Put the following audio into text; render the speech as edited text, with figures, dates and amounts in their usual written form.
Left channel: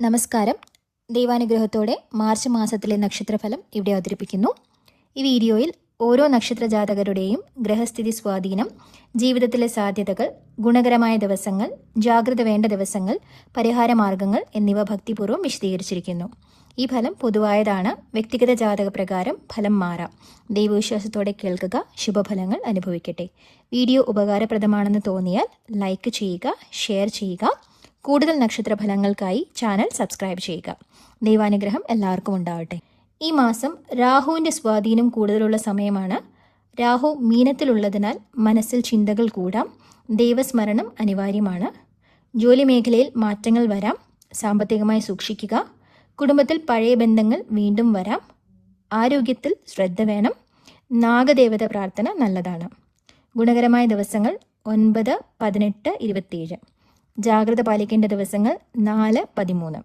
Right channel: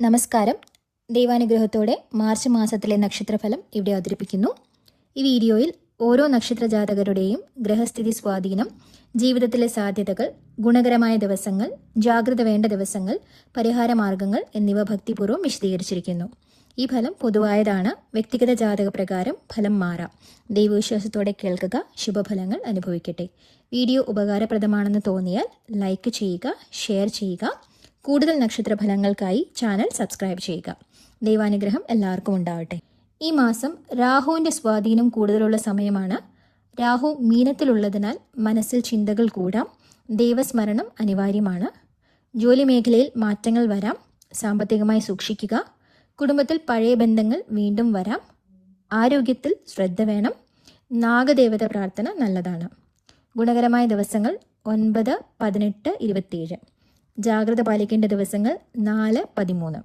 നമസ്കാരം. ദൈവാനുഗ്രഹത്തോടെ മാർച്ച് മാസത്തിലെ നക്ഷത്രഫലം ഇവിടെ അവതരിപ്പിക്കുന്നു. ഈ വീഡിയോയിൽ ഓരോ നക്ഷത്ര ജാതകരുടെയും ഗ്രഹസ്ഥിതി സ്വാധീനം, ജീവിതത്തിലെ സാധ്യതകൾ, ഗുണകരമായ ദിവസങ്ങൾ, ജാഗ്രത വേണ്ട ദിവസങ്ങൾ, പരിഹാരമാർഗങ്ങൾ എന്നിവ ഭക്തിപൂർവ്വം വിശദീകരിച്ചിരിക്കുന്നു. ഈ ഫലം പൊതുവായതാണ്. വ്യക്തിഗത ജാതക പ്രകാരം ഫലം മാറാം. ദൈവവിശ്വാസത്തോടെ കേൾക്കുക, ശുഭഫലങ്ങൾ അനുഭവിക്കട്ടെ. വീഡിയോ ഉപകാരപ്രദമാണെന്ന് തോന്നിയാൽ ലൈക്ക് ചെയ്യുക, ഷെയർ ചെയ്യുക. കൂടുതൽ നക്ഷത്രഫലങ്ങൾക്കായി ചാനൽ സബ്സ്ക്രൈബ് ചെയ്യുക. ദൈവാനുഗ്രഹം എല്ലാവർക്കും ഉണ്ടാവട്ടെ. ഈ മാസം രാഹുവിൻ്റെ സ്വാധീനം കൂടുതലുള്ള സമയമാണ്. രാഹു മീനത്തിലുള്ളതിനാൽ മനസ്സിൽ ചിന്തകൾ കൂടാം. ദൈവസ്മരണം അനിവാര്യമാണ്. ജോലി മേഖലയിൽ മാറ്റങ്ങൾ വരാം. സാമ്പത്തികമായി സൂക്ഷിക്കുക. കുടുംബത്തിൽ പഴയ ബന്ധങ്ങൾ വീണ്ടും വരാം. ആരോഗ്യത്തിൽ ശ്രദ്ധ വേണം. നാഗദേവത പ്രാർത്ഥന നല്ലതാണ്. ഗുണകരമായ ദിവസങ്ങൾ 9, 18, 27. ജാഗ്രത പാലിക്കേണ്ട ദിവസങ്ങൾ 4, 13.